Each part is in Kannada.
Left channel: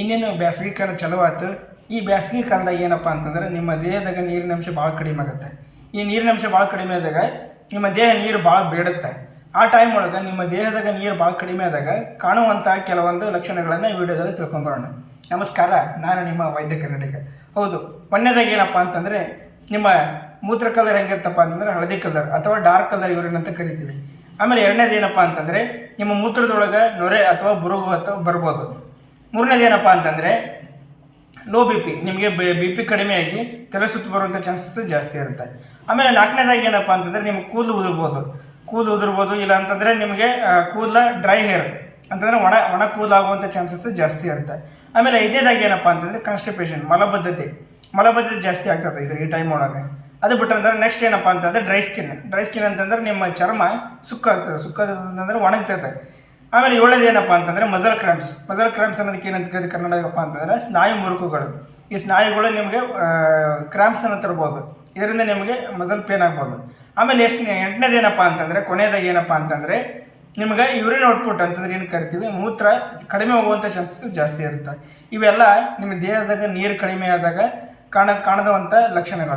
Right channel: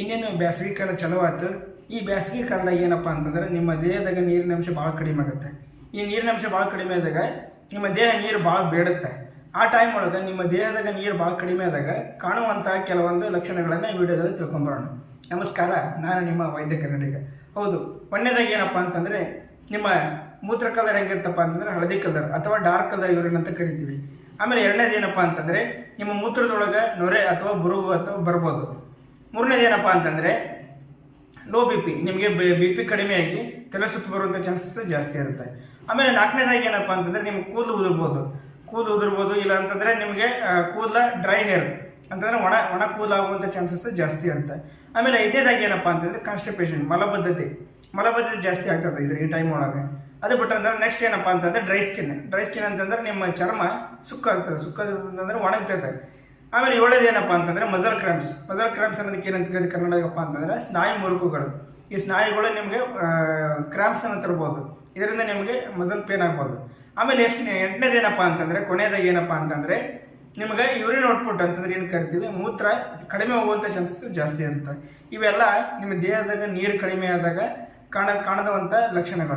ಇನ್ನೇನು ಬ್ಯಾಸಗಿ ಕಾಲ ಚಲೋ ಆಯ್ತು. ಈ ಬ್ಯಾಸಗಿ ಕಾಲದಾಗ ಏನಪ್ಪ ಅಂತಂದ್ರೆ ನಿಮ್ಮ ದೇಹದಾಗ ನೀರಿನ ಅಂಶ ಭಾಳ ಕಡಿಮೆ ಆಗುತ್ತೆ. ಈ ನೀರಿನ ಅಂಶ ಭಾಳ ಕಡಿಮೆ ಆದಾಗ ನಿಮ್ಮ ದೇಹ ನೀರು ಭಾಳ ಬೇಡುತ್ತೆ. ಆ ಟೈಮ್ ಒಳಗೆ ನಿಮ್ಮ ದೇಹದಾಗ ನೀರು ಭಾಳ ಕಡಿಮೆ ಆದಾಗ ಕಾಣುವಂಥ ಕೆಲವೊಂದು ಲಕ್ಷಣಗಳನ್ನು ಈ ವಿಡಿಯೋದಾಗ ತಿಳ್ಕೊಂಬರೋಣ. ನಮಸ್ಕಾರ, ನಾನು ನಿಮ್ಮ ವೈದ್ಯ ಕನ್ನಡಿಗ. ಹೌದು, ಒಂದನೇದಾಗಿ ಏನಪ್ಪ ಅಂತಂದರೆ ನಿಮ್ಮ ಮೂತ್ರ ಕಲರ್ ಹೆಂಗಿರ್ತಪ್ಪ ಅಂತಂದರೆ ಹಳದಿ ಕಲರ್ ಅಥವಾ ಡಾರ್ಕ್ ಕಲರ್ ಯೂರಿನ್ ಅಂತ ಕರಿತೀವಿ. ಆಮೇಲೆ ಎರಡನೇದು ಏನಪ್ಪ ಅಂತಂದರೆ ನಿಮ್ಮ ಮೂತ್ರದೊಳಗೆ ನೊರೆ ಅಥವಾ ಬುರುಗು ಅಥವಾ ಬರ್ಬೋದು. ಮೂರನೇದು ಏನಪ್ಪ ಅಂತಂದರೆ ಲೋ ಬಿ ಪಿ, ನಿಮಗೆ ಬಿ ಪಿ ಕಡಿಮೆಯಾಗಿ ತಲೆ ಸುತ್ತು ಬರುವಂಥ ಚಾನ್ಸಸ್ ಜಾಸ್ತಿ ಇರುತ್ತೆ. ಆಮೇಲೆ ನಾಲ್ಕನೇದಾಗಿ ಏನಪ್ಪ ಅಂತಂದರೆ ನಿಮಗೆ ಕೂದಲು ಉದುರ್ಬೋದು, ಇಲ್ಲ ಅಂತಂದರೆ ನಿಮಗೆ ಕೂದಲ ಡ್ರೈ ಹೇರ್ ಅಂತಂದರೆ ಒಣ ಕೂದಲಾಗುವಂಥ ಚಾನ್ಸಸ್ ಜಾಸ್ತಿ ಇರುತ್ತೆ. ಆಮೇಲೆ ಐದನೇದಾಗಿ ಏನಪ್ಪ ಅಂತಂದರೆ ಕಾನ್ಸ್ಟಿಪೇಷನ್, ಮಲಬದ್ಧತೆ ಜಾಸ್ತಿ ಆಗ್ತದೆ ಈ ಟೈಮ್ ಒಳಗೆ. ಅದು ಬಿಟ್ಟಂದ್ರೆ ನೆಕ್ಸ್ಟ್ ಏನಪ್ಪ ಅಂತಂದರೆ ಡ್ರೈ ಸ್ಕಿನ್ ಅಂತಂದರೆ ನಿಮ್ಮ ಚರ್ಮ ಸುಕ್ಕಾಗ್ತದೆ, ಒಣಗ್ತೈತೆ. ಆಮೇಲೆ ಏಳನೇದು ಏನಪ್ಪ ಅಂತಂದರೆ ಮಜಲ್ ಕ್ರ್ಯಾಂಪ್ಸ್ ಅನ್ನೋದಕ್ಕೆ ಏನಂತ ಕರೀತೀವಿ ಕನ್ನಡಗಪ್ಪ ಅಂತಂದರೆ ಸ್ನಾಯು ಮುರುಕುಗಳು. ಈ ಸ್ನಾಯುಗಳು ನಿಮಗೆ ಕ್ರ್ಯಾಂಪ್ಸನ್ನು ತರ್ಬೋದು, ಇದರಿಂದ ನಿಮಗೆ ಮಜಲ್ ಪೇನ್ ಆಗ್ಬೋದು. ಆಮೇಲೆ ಎಂಟನೇದು ಏನಪ್ಪ ಅಂತಂದರೆ ಕೊನೆಯದಾಗಿ ಏನಪ್ಪ ಅಂತಂದರೆ ನಿಮಗೆ ಯೂರಿನ್ ಔಟ್ಪುಟ್ ಅಂತಂದ್ರೆ ಏನು ಕರಿತೀವಿ, ಮೂತ್ರ ಕಡಿಮೆ ಹೋಗುವಂಥ ಚಾನ್ಸಸ್ ಜಾಸ್ತಿ ಇರುತ್ತೆ. ಇವೆಲ್ಲ ನಿಮ್ಮ ದೇಹದಾಗ ನೀರು ಕಡಿಮೆ ಆದಾಗ ಕಾಣದಂಥ ಲಕ್ಷಣಗಳು.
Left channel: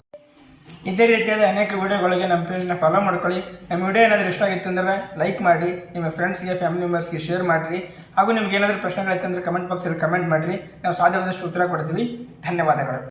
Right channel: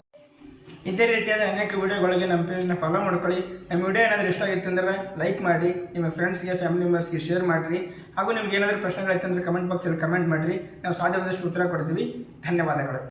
ಇದೇ ರೀತಿಯಾದ ಅನೇಕ ವೀಡಿಯೋಗಳಿಗೆ ನಮ್ಮ ಪೇಜ್ನ ಫಾಲೋ ಮಾಡ್ಕೊಳ್ಳಿ. ನಮ್ಮ ವಿಡಿಯೋ ಏನಾದರೂ ಇಷ್ಟ ಆಗಿತ್ತು ಅಂದರೆ ಲೈಕ್ ಮಾಡಿ, ನಿಮ್ಮ ಫ್ರೆಂಡ್ಸ್ಗೆ ಫ್ಯಾಮಿಲಿ ಮೆಂಬರ್ಸ್ಗೆ ಶೇರ್ ಮಾಡಿರಿ. ಹಾಗೂ ನಿಮ್ಗೆ ಏನಾದರೂ ಪ್ರಶ್ನೆಗಳಿತ್ತು ಅಂದರೆ ಕಮೆಂಟ್ ಬಾಕ್ಸಲ್ಲಿ ಕಮೆಂಟ್ ಮಾಡಿರಿ. ನಾವು ಸಾಧ್ಯವಾದಷ್ಟು ಉತ್ತರ ಕೊಡ್ತೀವಿ. ಧನ್ಯವಾದಗಳು.